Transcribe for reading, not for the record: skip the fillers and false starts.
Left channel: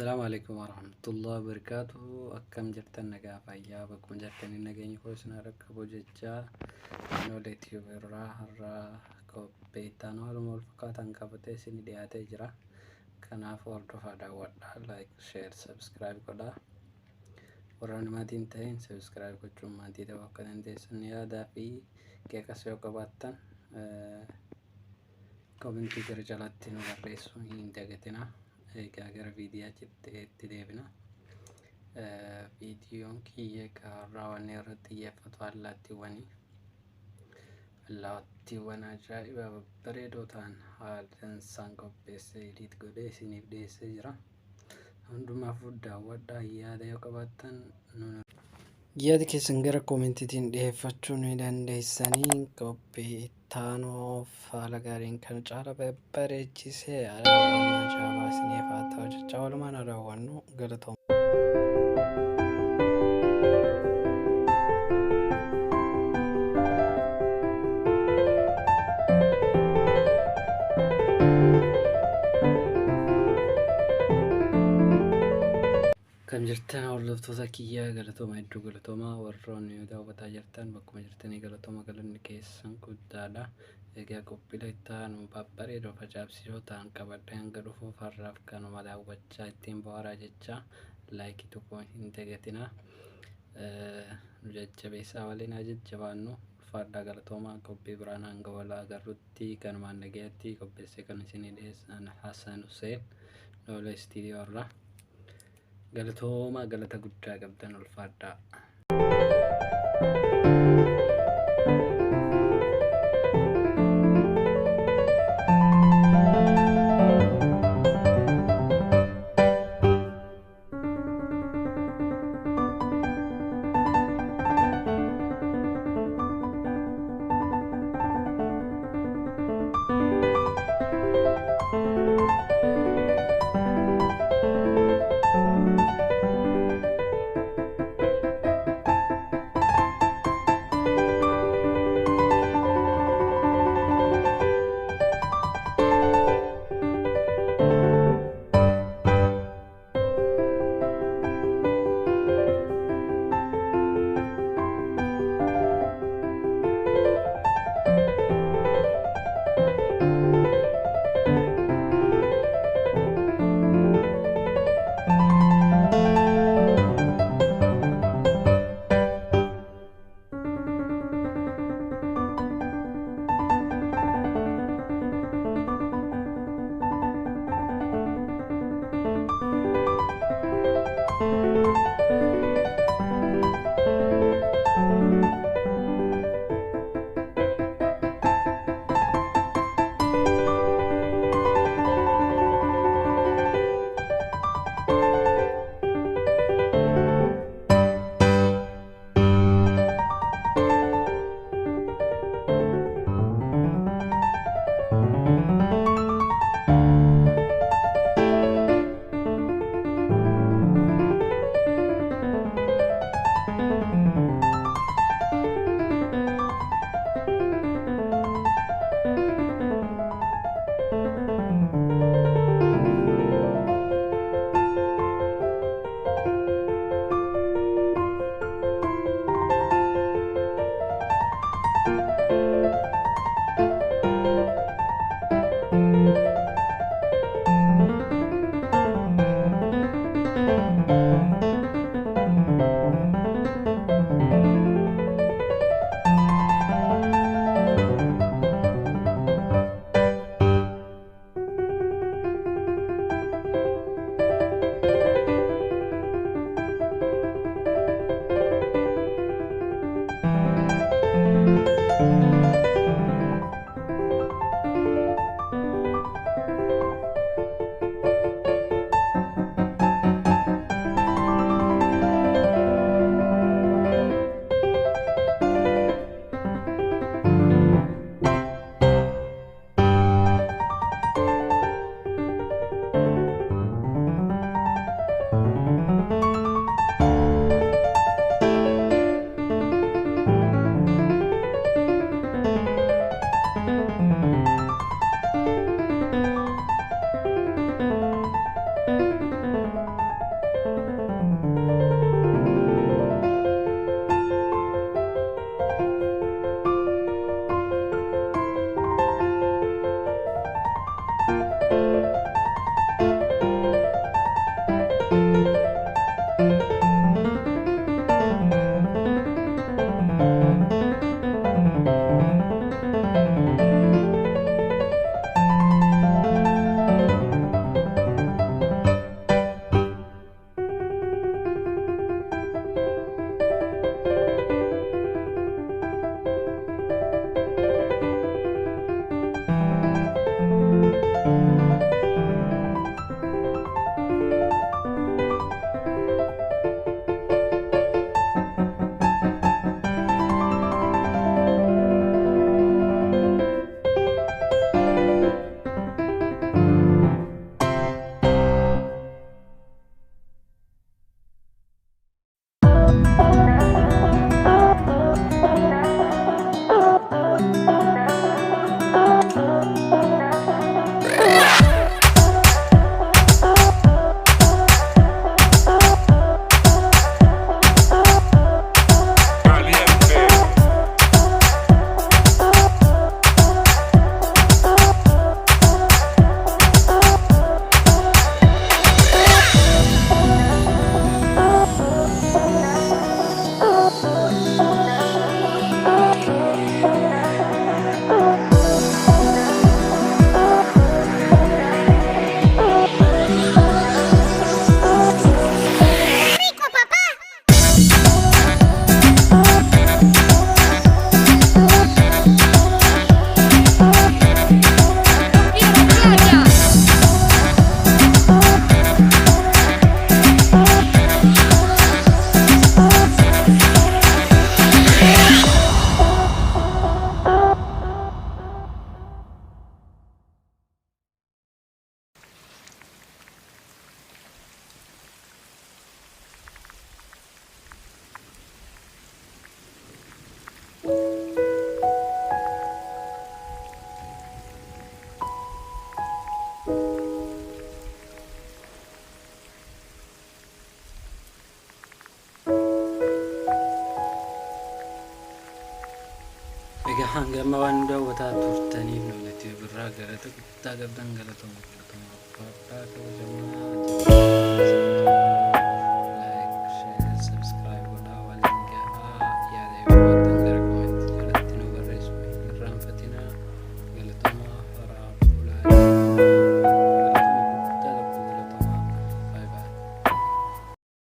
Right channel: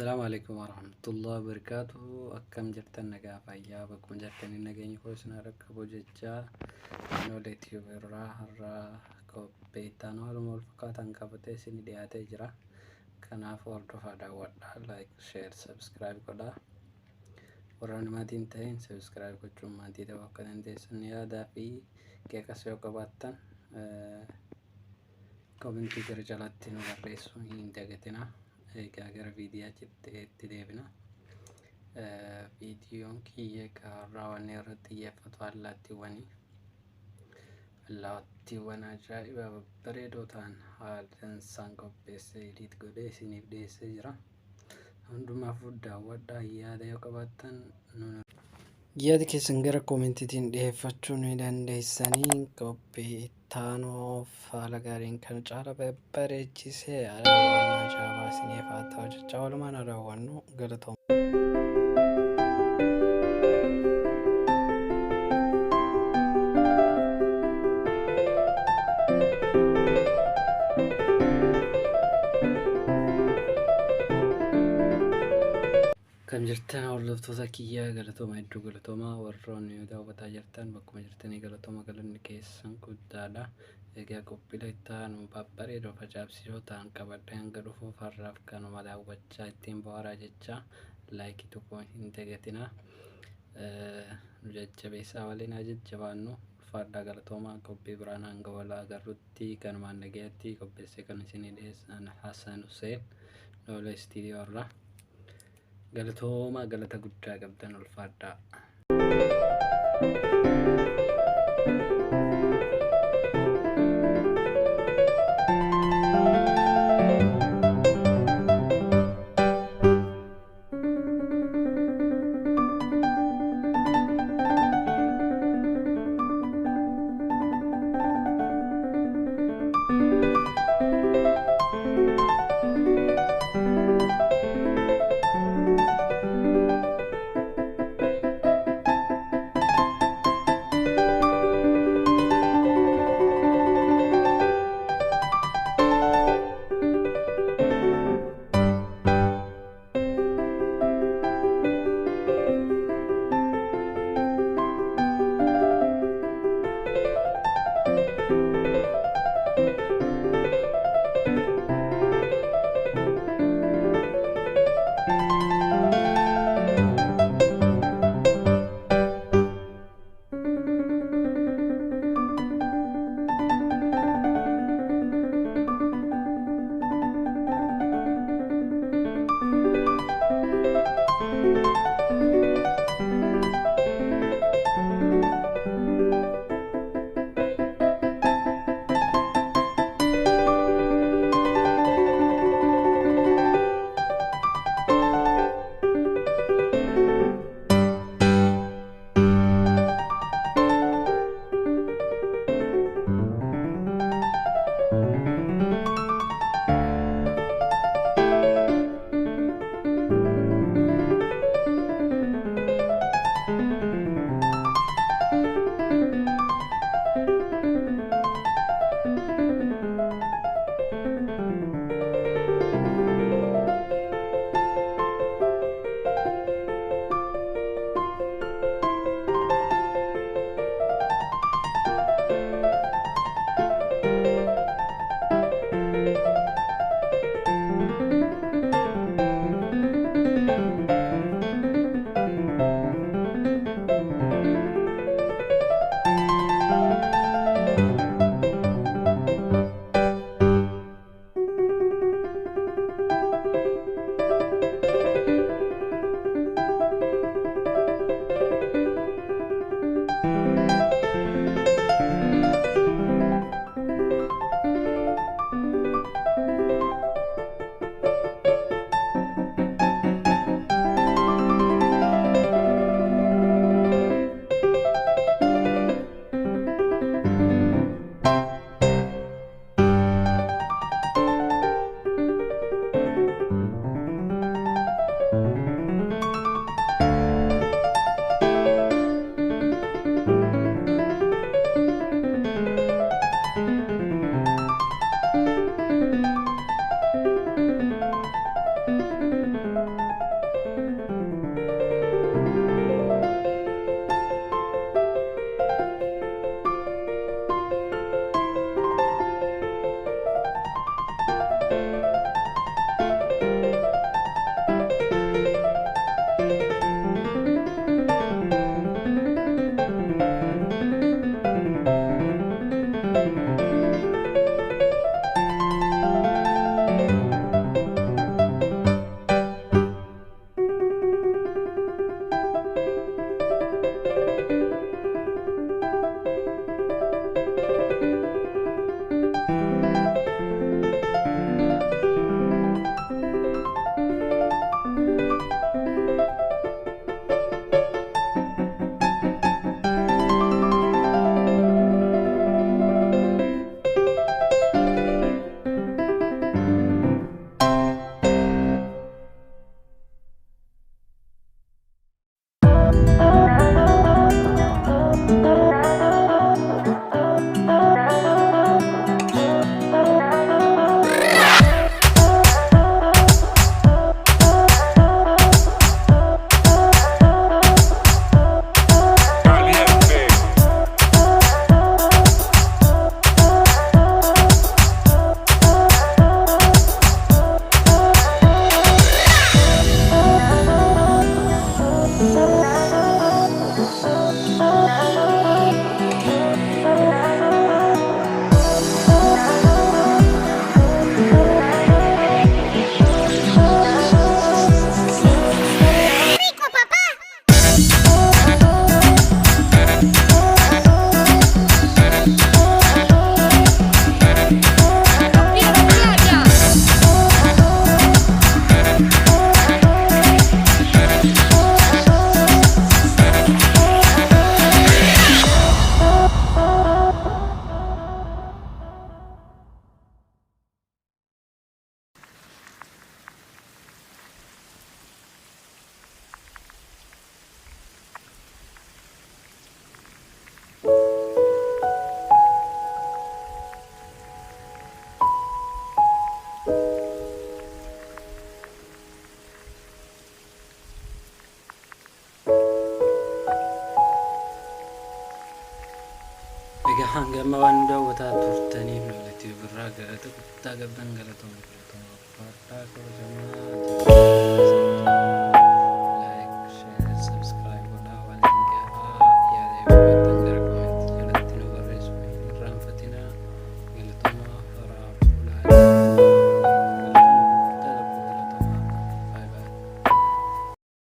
السلام عليكم ورحمة الله وبركاته. أكم جرتن نجا فيا بكم جرتن النجاني كوسنا ركبوا ججا نولت يبرا هرا كوبيتان والمول فقط أنكبتة سني ديات إجرا كنا فورد فدا ودا لايك شير سبسكرايب كدا وران ما تنتهين سبسكرايب كتشوم ما تيجي وكذا ندسني هذا في كيكاسيو كباتن كومنتي كرجالاتين ورئيسو ينتجتنا gara viidiyaatti deebina. Viidiyoon kiyya raawwanne irratti xiyyeeffatu allaattiiwwan ajaa'iba babbareedoo ta'an haala isaan qopheessee edit godhee isiniif dhiyeessee jira. Hundumaafuu daawwadhaa. Yaada yoo qabaattan yaada keessan gara koomentiitiin dhiyeeffachuu ni dandeessanii. Qophii ittaanuuf haala gaariin kan caala babbareechisee raawwannaa ajaa'ibaa isiniif haa ta'u jechaa walumaan raawwannu galatooma. Kan jirtan hordoftoota kiyyaa galatooma hedduu galatoomaa warroonni daawwataa jirtan bakkuma jirtanii galatooma galanni keessan guddaadha. Egaa qophiilee ittaanu babbareedoo facaabsisoo ta'an qabadhee hanga dhufuuf har'aaf kanuma daawwachaa ittiin bohaaraa jecha laayikii tokko hin dagatinaa. Nu jajjabeessaa waliin haa jajjabaannu. Ulfaadhaa galatoomaa. Qophii biraan hanga wal agarrutti kanumaan nagaatti qopheessee kan isinii dhiyeessan Hasan Hussein Noolee Istiidiyoo irraa. Galatooma galata guddaa qabdan ulfaadhaa. Egaa hangama waan daawwataa turtaniif noolatti birraa galata guddaa qabdan galatooma ulfaadhaa kabajamaa jira.